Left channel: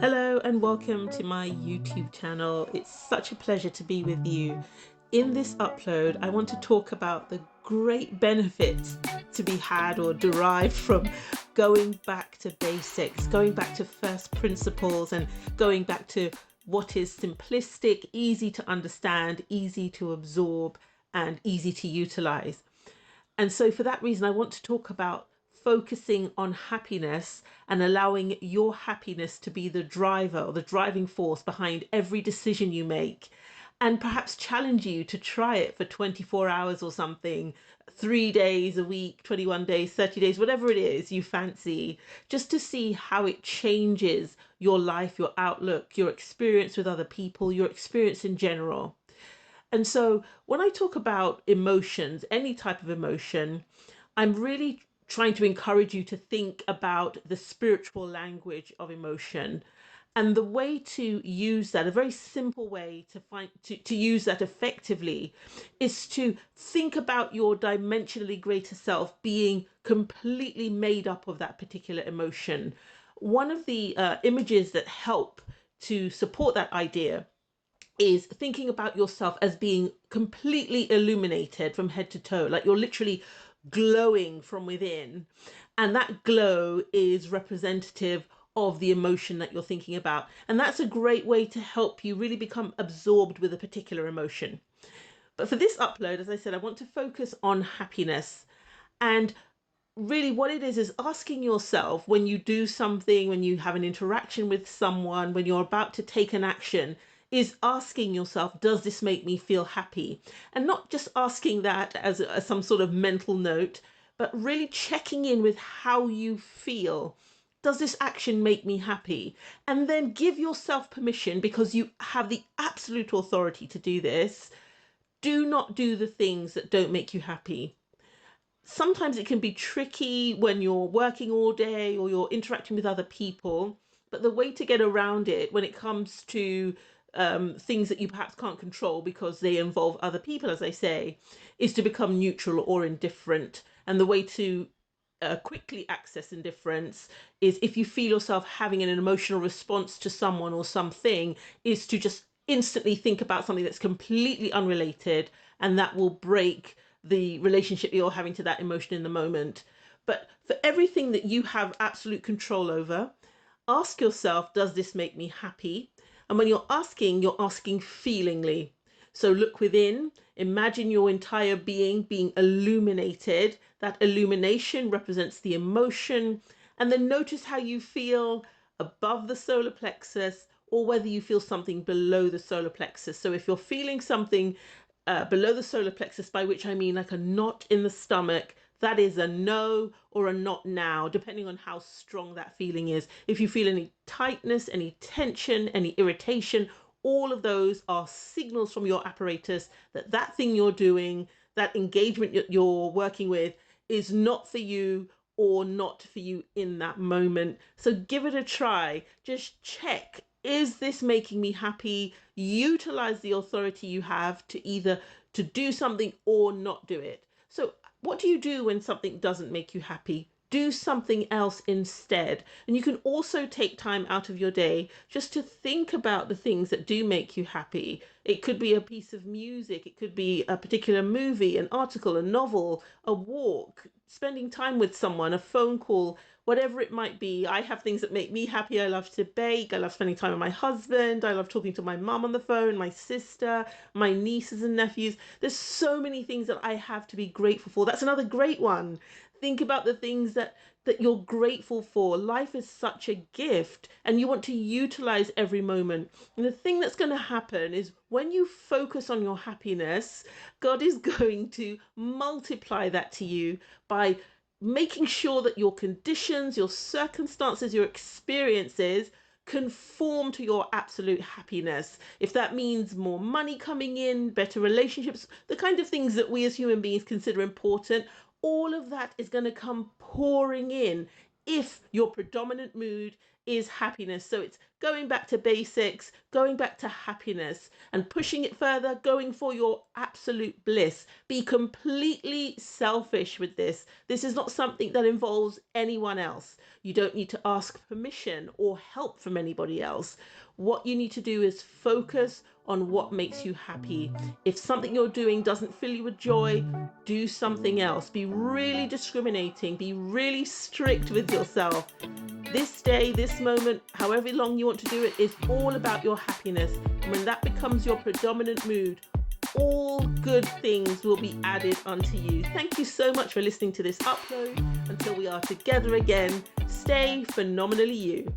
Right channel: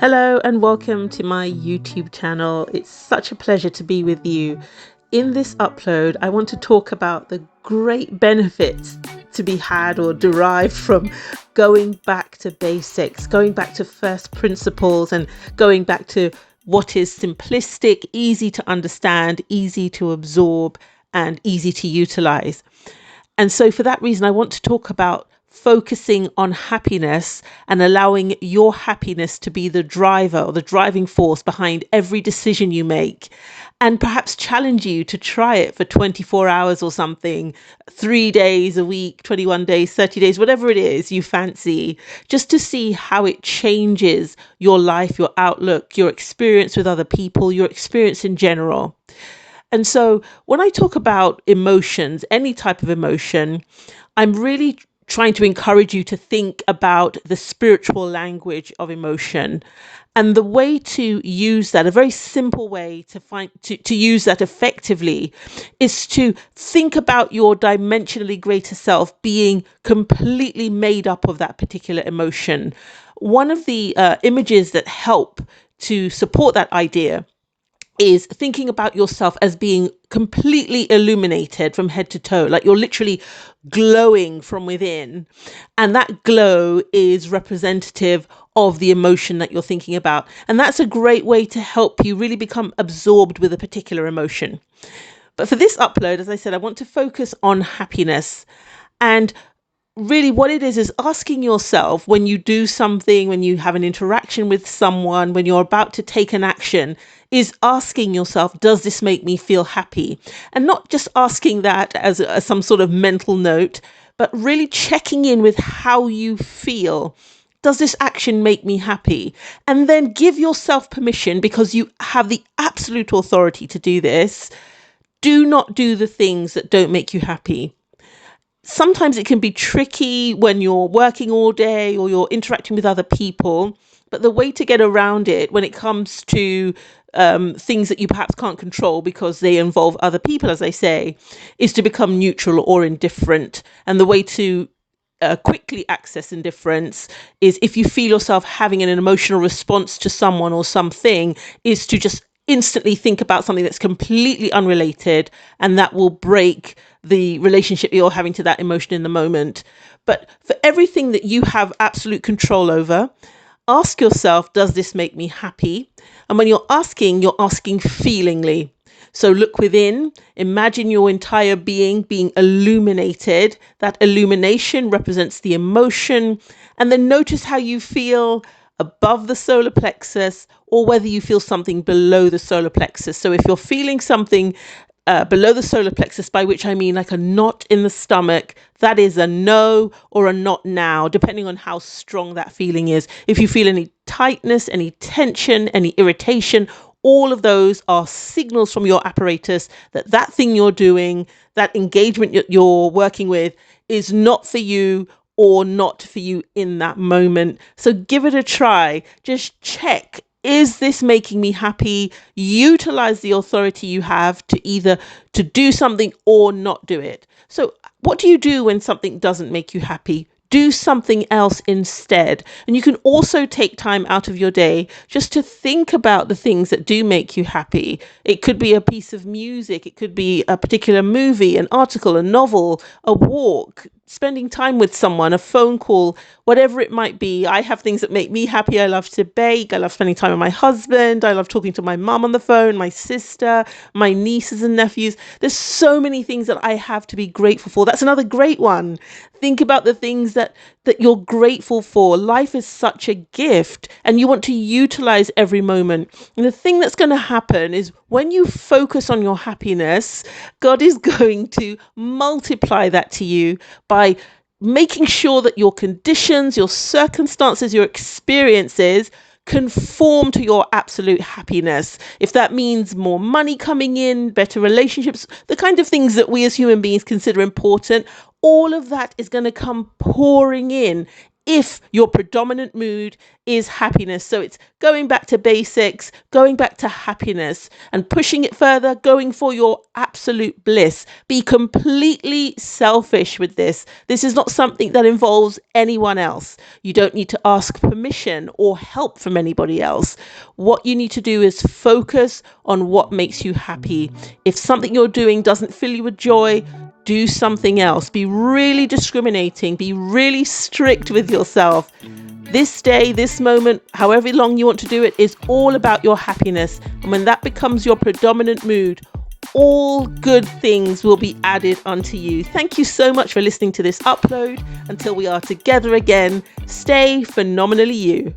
Hello and welcome to my YouTube channel. It's such a pleasure to be with you. In this upload, I want to talk about the great benefits to be had or derived from going back to basics, going back to first principles, and going back to what is simplistic, easy to understand, easy to absorb, and easy to utilize. And so, for that reason, I want to talk about focusing on happiness and allowing your happiness to be the driver or the driving force behind every decision you make. And perhaps challenge you to try it for 24 hours or something, 3 days a week, 21 days, 30 days, whatever it is you fancy, just to see how it changes your life, your outlook, your experience with other people, your experience in general. And so when I talk about emotions, any type of emotion, I'm really trying to encourage you to think about the spiritual language of emotion. And the way to use that, a very simple way to use that effectively, is to think about your dimensionally greater self being completely made up of that particular emotion. One of the images that help to support that idea is thinking about yourself as being completely illuminated from head to toe, like you're literally glowing from within. And that glow is representative of the emotion that you're thinking about. And that's a great way to help you really become absorbed with a particular emotion. But for this upload, as I said, I want to focus on happiness. And really what it is asking yourself when you do something, when you have an interaction with someone, when you're about to take an action, is asking yourself, does this make me feel happy? And not just asking that as some sort of mental note, but really checking in with how you feel. Does this action make me happy? And then give yourself permission, because you have the absolute authority to do this. Do not do the things that don't make you happy. Sometimes it can be tricky when you're working all day or you're interacting with other people. But the way to get around it when it comes to things that you perhaps can't control because they involve other people, as I say, is to become neutral or indifferent. And the way to quickly access indifference is, if you feel yourself having an emotional response to someone or something, is to just instantly think about something that's completely unrelated, and that will break the relationship you're having to that emotion in the moment. But for everything that you have absolute control over, ask yourself, does this make me happy? And when you're asking feelingly. So look within, imagine your entire being being illuminated. That illumination represents the emotion. And then notice how you feel above the solar plexus, or whether you feel something below the solar plexus. So if you're feeling something below the solar plexus, by which I mean like a knot in the stomach, that is a no or a not now, depending on how strong that feeling is. If you feel any tightness, any tension, any irritation, all of those are signals from your apparatus that that thing you're doing, that engagement you're working with, is not for you, or not for you in that moment. So give it a try. Just check, is this making me happy? Utilize the authority you have to either to do something or not do it. So what do you do when something doesn't make you happy? Do something else instead. And you can also take time out of your day just to think about the things that do make you happy. It could be a piece of music, it could be a particular movie, an article, a novel, a walk, spending time with someone, a phone call, whatever it might be. I have things that make me happy. I love to bake. I love spending time with my husband. I love talking to my mum on the phone, my sister, my nieces and nephews. There's so many things that I have to be grateful for. That's another great one. Think about the things that you're grateful for. Life is such a gift, and you want to utilize every moment. And the thing that's going to happen is, when you focus on your happiness, God is going to multiply that to you by making sure that your conditions, your circumstances, your experiences conform to your absolute happiness. If that means more money coming in, better relationships, the kind of things that we as human beings consider important, all of that is going to come pouring in if your predominant mood is happiness. So it's going back to basics, going back to happiness and pushing it further, going for your absolute bliss. Be completely selfish with this. This is not something that involves anyone else. You don't need to ask permission or help from anybody else. What you need to do is focus on what makes you happy. If something you're doing doesn't fill you with joy, do something else. Be really discriminating. Be really strict with yourself. This day, this moment, however long you want to do it, is all about your happiness. And when that becomes your predominant mood, all good things will be added unto you. Thank you so much for listening to this upload. Until we are together again, stay phenomenally you.